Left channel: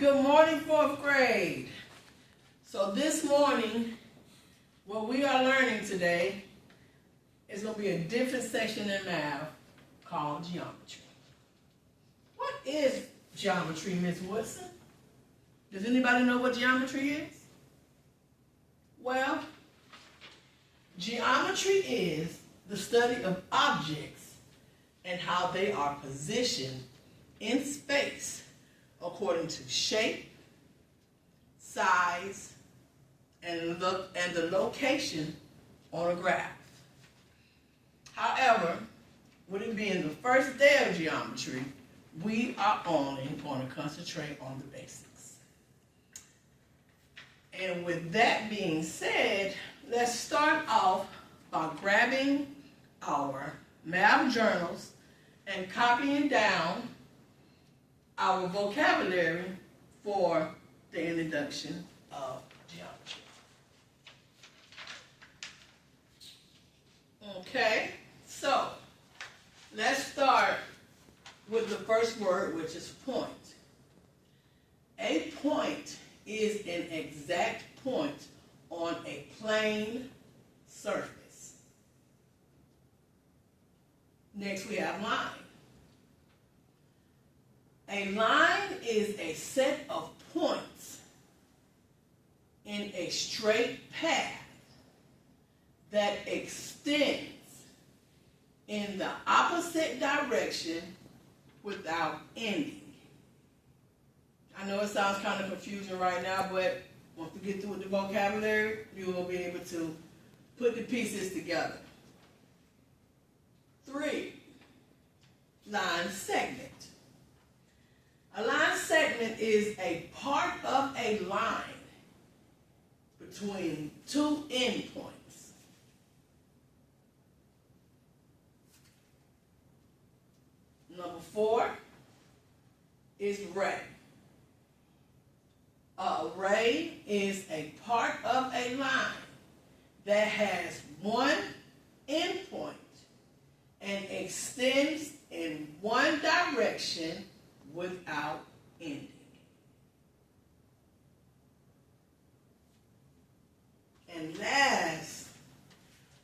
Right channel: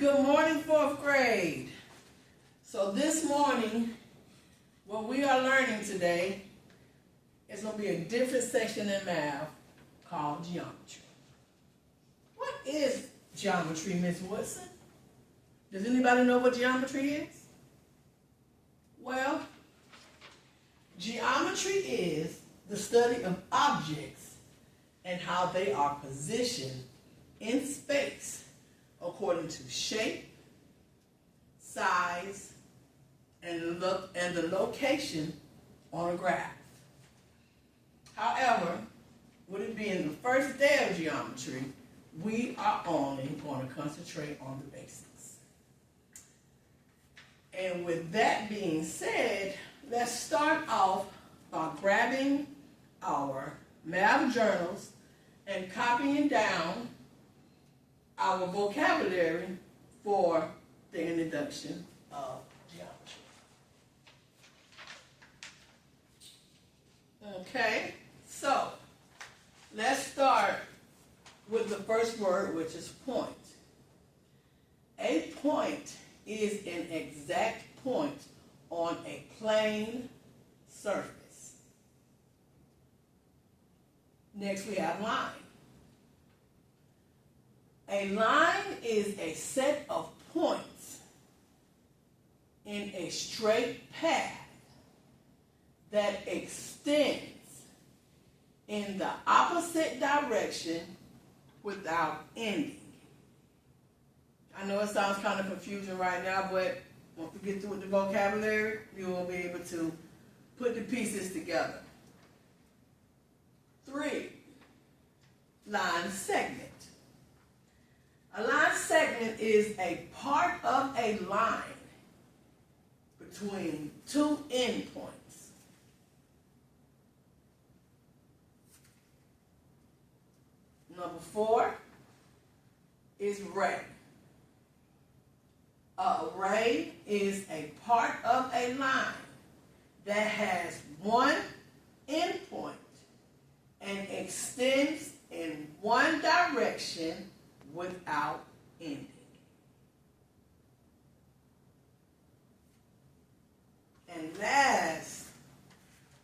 Good morning, fourth grade. So this morning, what we are learning today is going to be a different section in math called geometry. What is geometry, Ms. Woodson? Does anybody know what geometry is? Well, geometry is the study of objects and how they are positioned in space according to shape, size, and the location on a graph. However, with it being the first day of geometry, we are only going to concentrate on the basics. And with that being said, let's start off by grabbing our math journals and copying down our vocabulary for the introduction of geometry. Okay, so let's start with the first word, which is point. A point is an exact point on a plane surface. Next we have line. A line is a set of points in a straight path that extends in the opposite direction without ending. I know it sounds kind of confusing right now, but once we get through with the vocabulary, you will be able to put the pieces together. 3, line segment. A line segment is a part of a line between two endpoints. Number 4 is ray. A ray is a part of a line that has one endpoint and extends in one direction without ending. And last,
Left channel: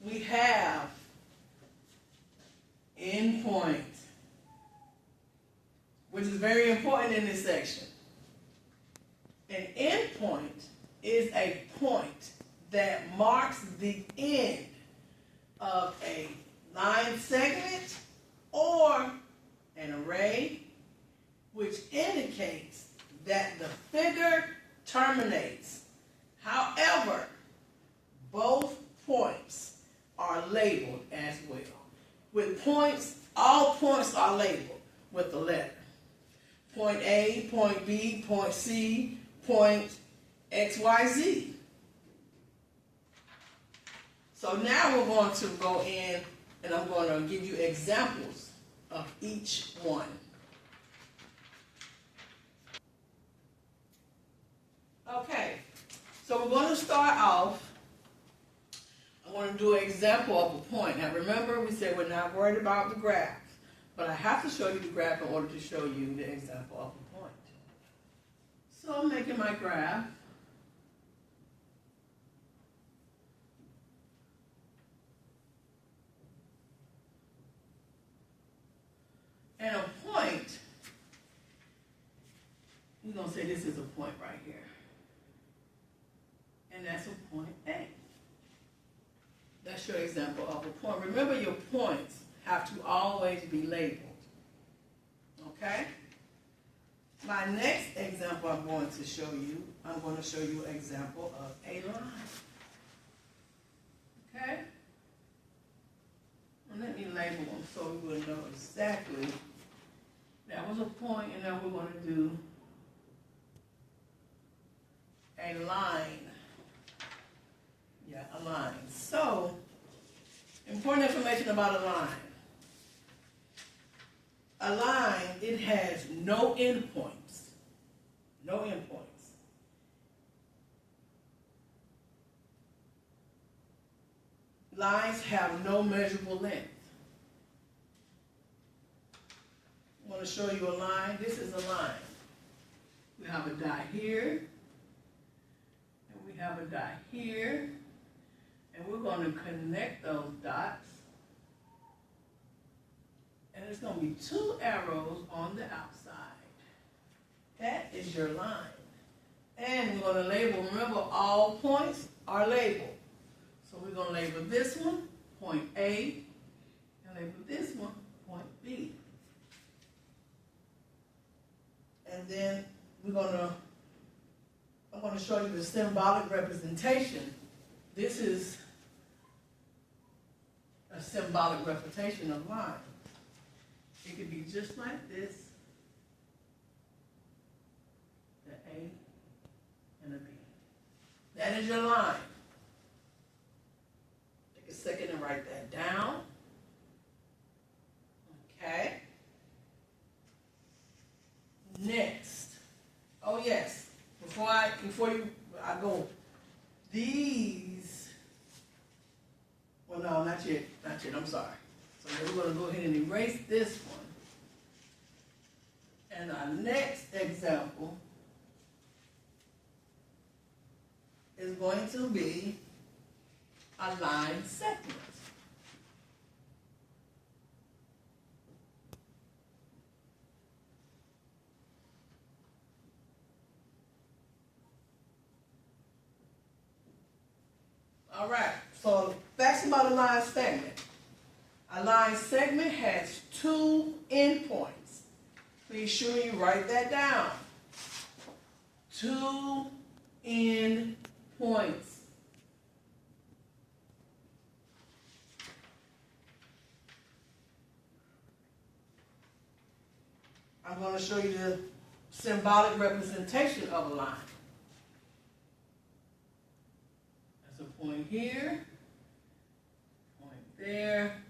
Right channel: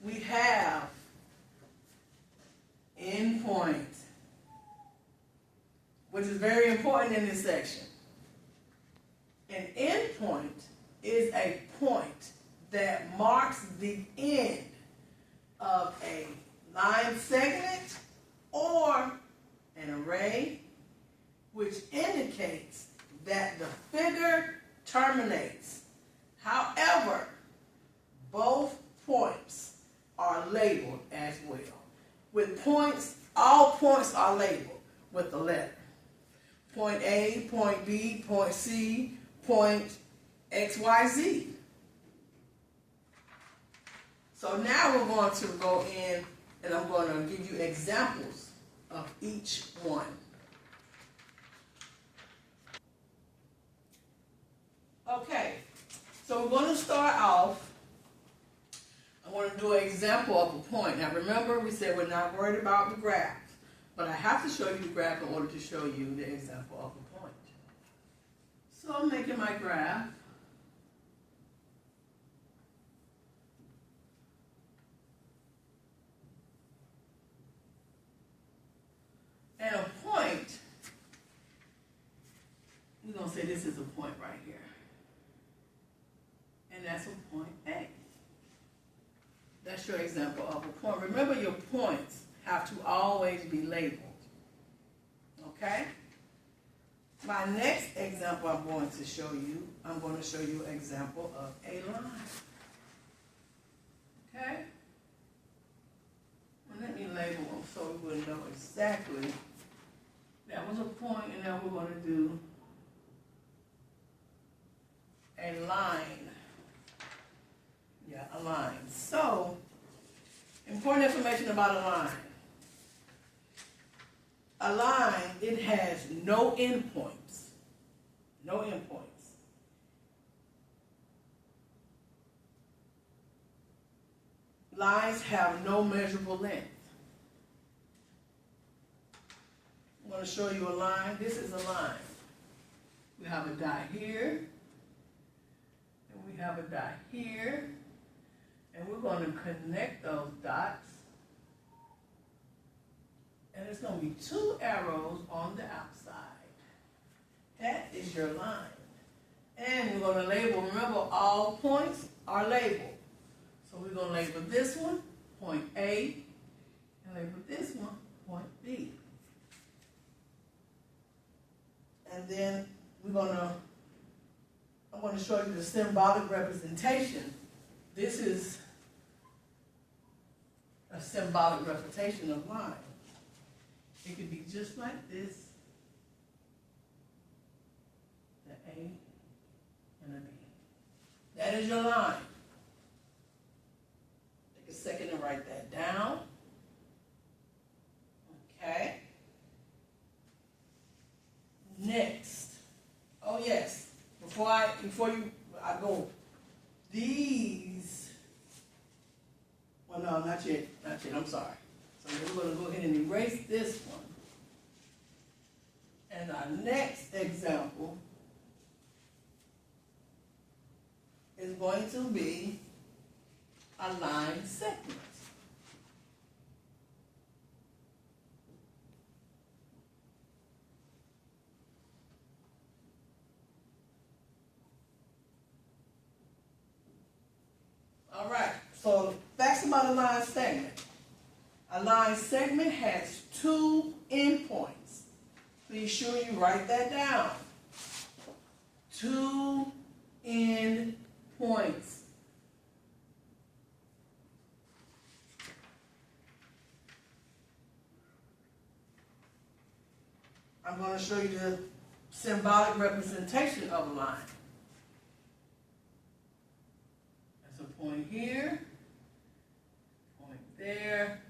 we have endpoint, which is very important in this section. An endpoint is a point that marks the end of a line segment or an array, which indicates that the figure terminates. However, both points are labeled as well. With points, all points are labeled with a letter. Point A, point B, point C, point XYZ. So now we're going to go in and I'm going to give you examples of each one. Okay, so we're going to start off. I'm going to do an example of a point. Now remember, we said we're not worried about the graph, but I have to show you the graph in order to show you the example of a point. So I'm making my graph. And a point, we're going to say this is a point right here. And that's a point A. That's your example of a point. Remember, your points have to always be labeled. Okay? My next example I'm going to show you an example of a line. Okay? And let me label them so we will know exactly. That was a point, and now we're going to do a line. Yeah, a line. So, important information about a line. A line, it has no endpoints. No endpoints. Lines have no measurable length. I'm going to show you a line. This is a line. We have a dot here, and we have a dot here, and we're going to connect those dots. And there's going to be two arrows on the outside. That is your line. And we're going to label, remember all points are labeled. So we're going to label this one, point A, and label this one, point B. And then I'm going to show you the symbolic representation. This is a symbolic representation of line. It could be just like this, the A and a B. That is your line. Take a second and write that down. Okay. Next. Oh yes. Before I go, these. Well, no, not yet. Not yet. I'm sorry. So we're going to go ahead and erase this one. And our next example is going to be a line segment. All right, so facts about a line segment. A line segment has two endpoints. Please sure you write that down. Two endpoints. I'm going to show you the symbolic representation of a line. That's a point here, point there,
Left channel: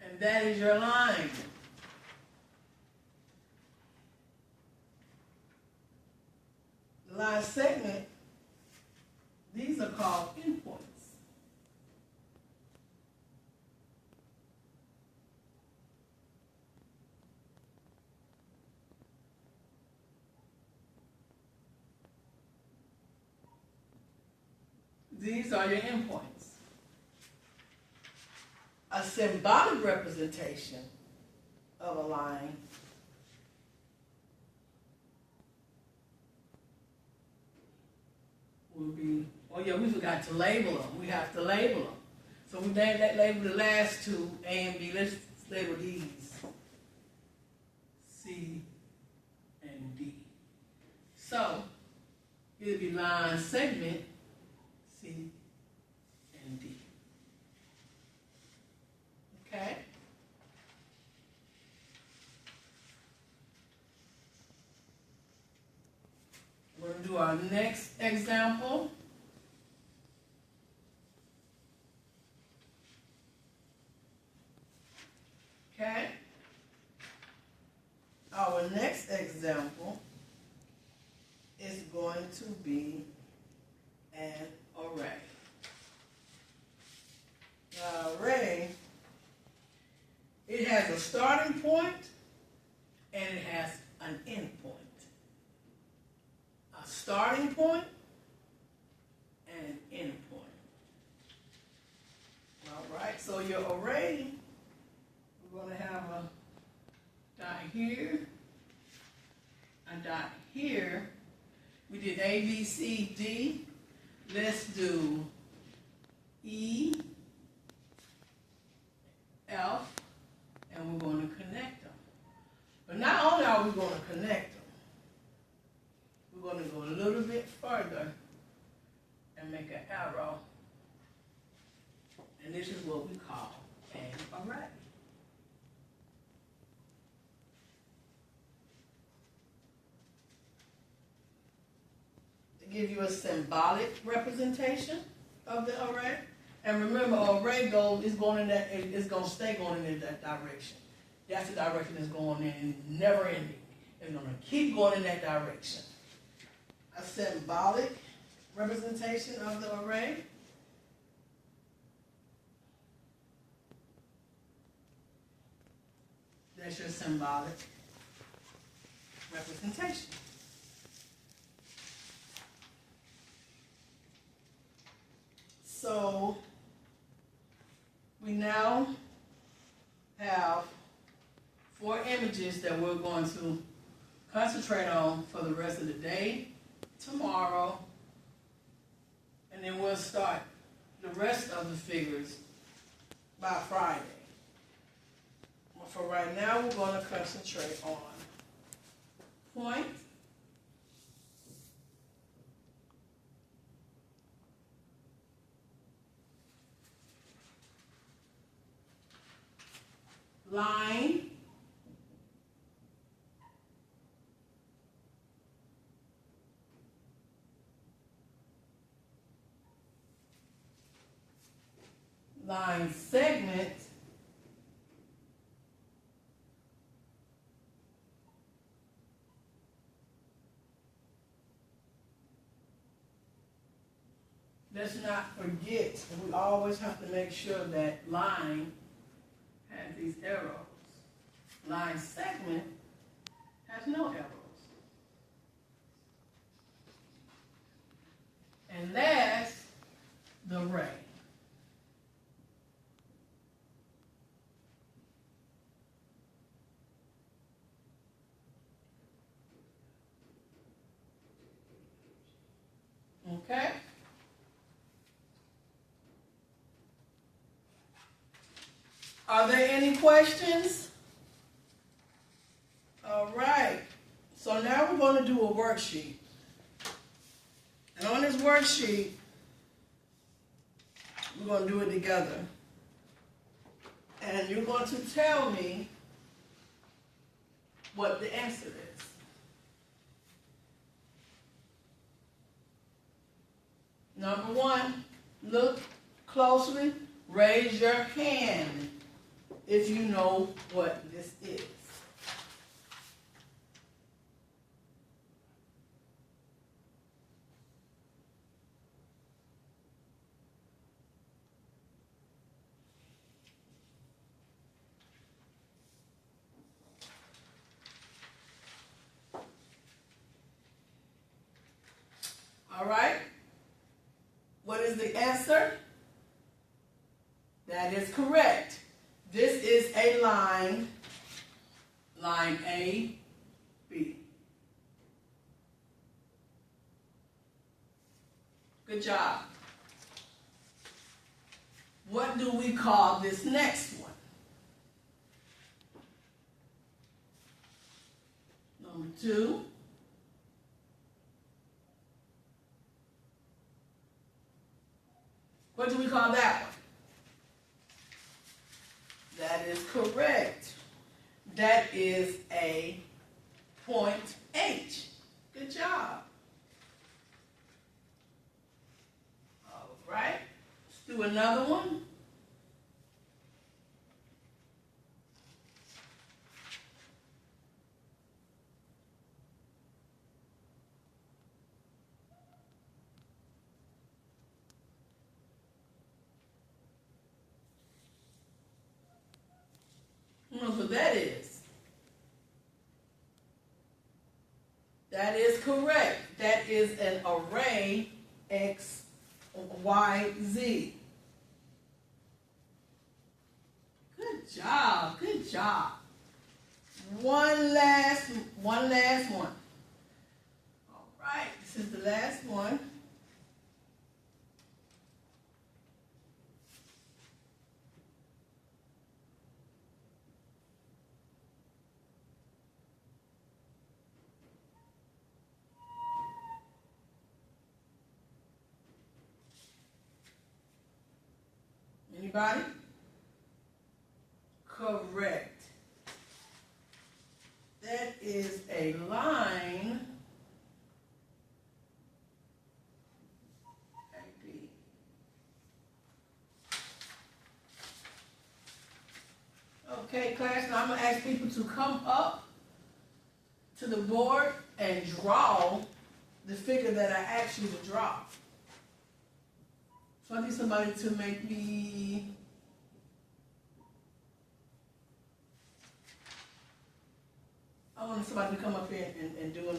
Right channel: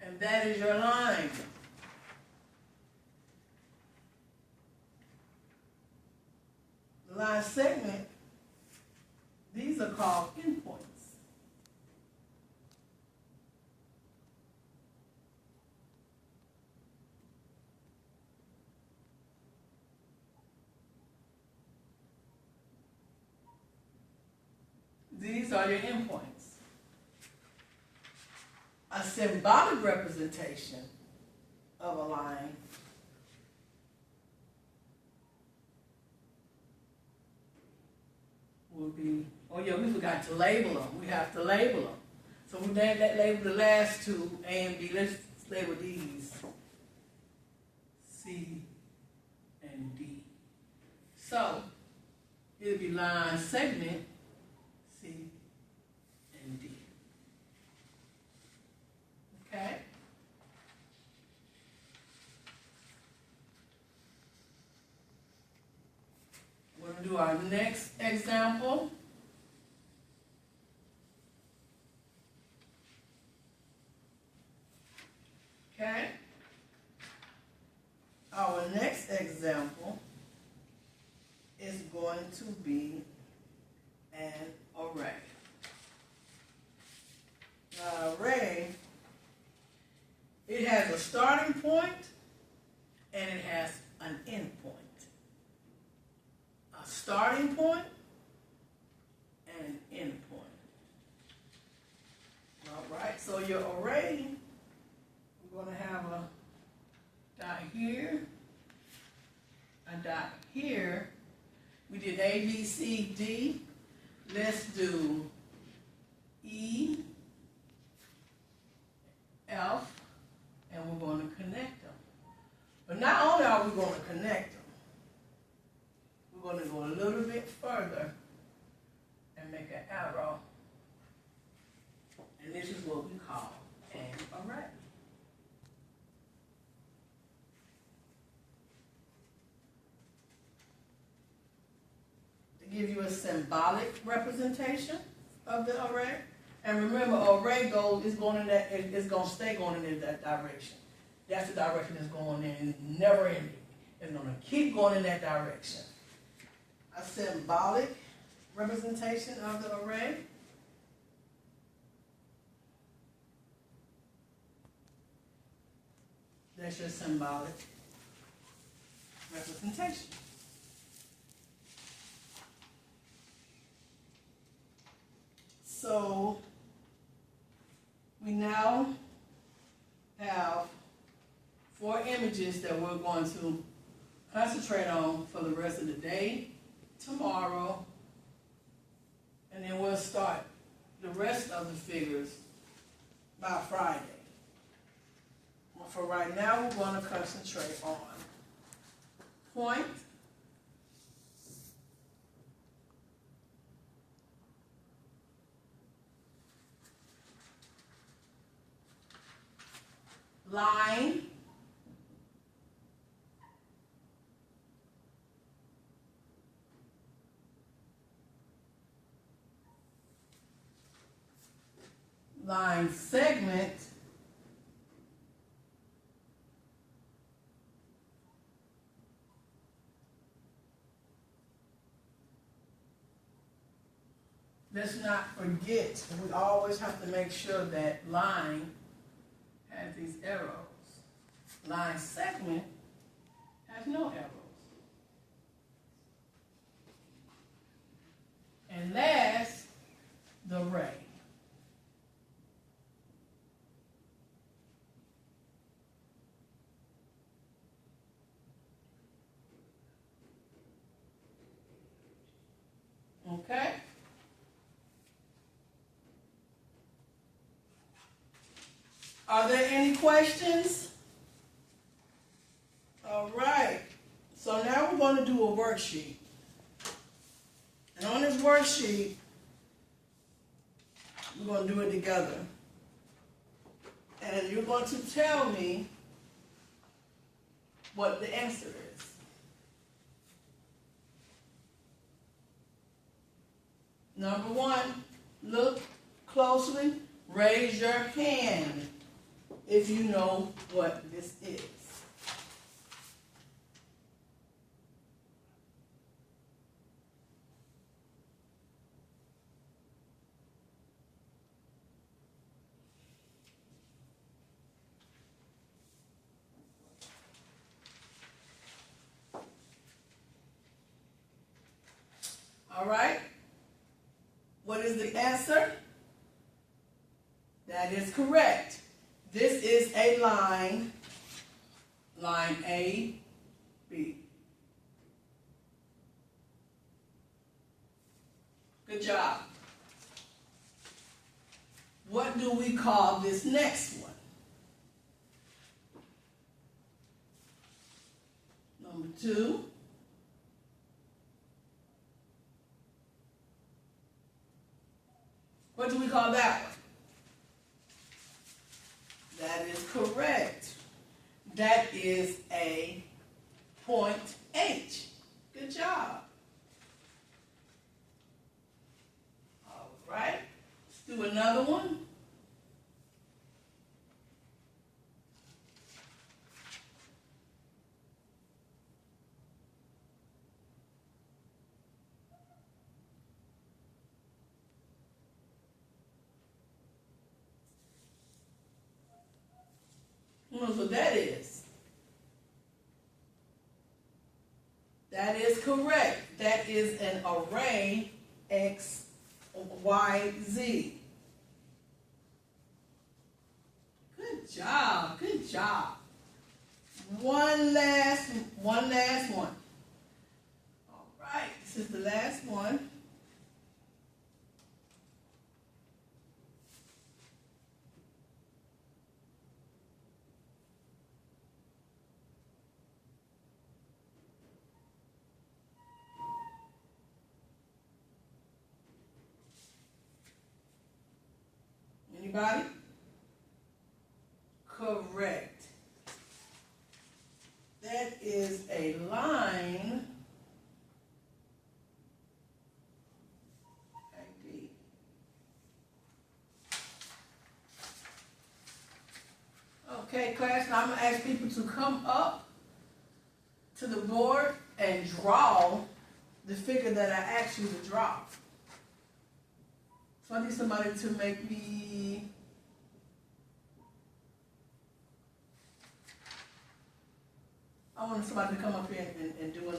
and that is your line. The line segment, these are called endpoints. These are your endpoints. A symbolic representation of a line will be, oh yeah, we forgot to label them. We have to label them. So we label the last two, A and B. Let's label these, C and D. So it'll be line segment, C and D. Okay? We're going to do our next example. Okay? Our next example is going to be an array. Now, array, it has a starting point and it has an end point. A starting point and an end point. All right, so your array, we're going to have a dot here, a dot here. We did A, B, C, D. Let's do E, F, and we're going to connect them. But not only are we going to connect them, we're going to go a little bit further and make an arrow. And this is what we call an array. To give you a symbolic representation of the array. And remember, array is going in that, it's going to stay going in that direction. That's the direction it's going in, never ending. It's going to keep going in that direction. A symbolic representation of the array. That's your symbolic representation. subjects that we're going to concentrate on for the rest of the day, tomorrow, and then we'll start the rest of the figures by Friday. But for right now, we're going to concentrate on point, line, line segment, let's not forget, we always have to make sure that line has these arrows. Line segment has no arrows. And last, the ray. Okay? Are there any questions? All right. So now we're going to do a worksheet. And on this worksheet, we're going to do it together. And you're going to tell me what the answer is. Number one, look closely, raise your hand if you know what this is. All right. What is the answer? That is correct. This is a line, line A, B. Good job. What do we call this next one? Number two. What do we call that one? That is correct. That is a point H. Good job. All right. Let's do another one. So that is. That is correct. That is an array X, Y, Z. Good job. Good job. One last one. All right. This is the last one. Anybody? Correct. That is a line. AB. Okay, class, now I'm going to ask people to come up to the board and draw the figure that I asked you to draw. So I need somebody to make me I want somebody to come up here and do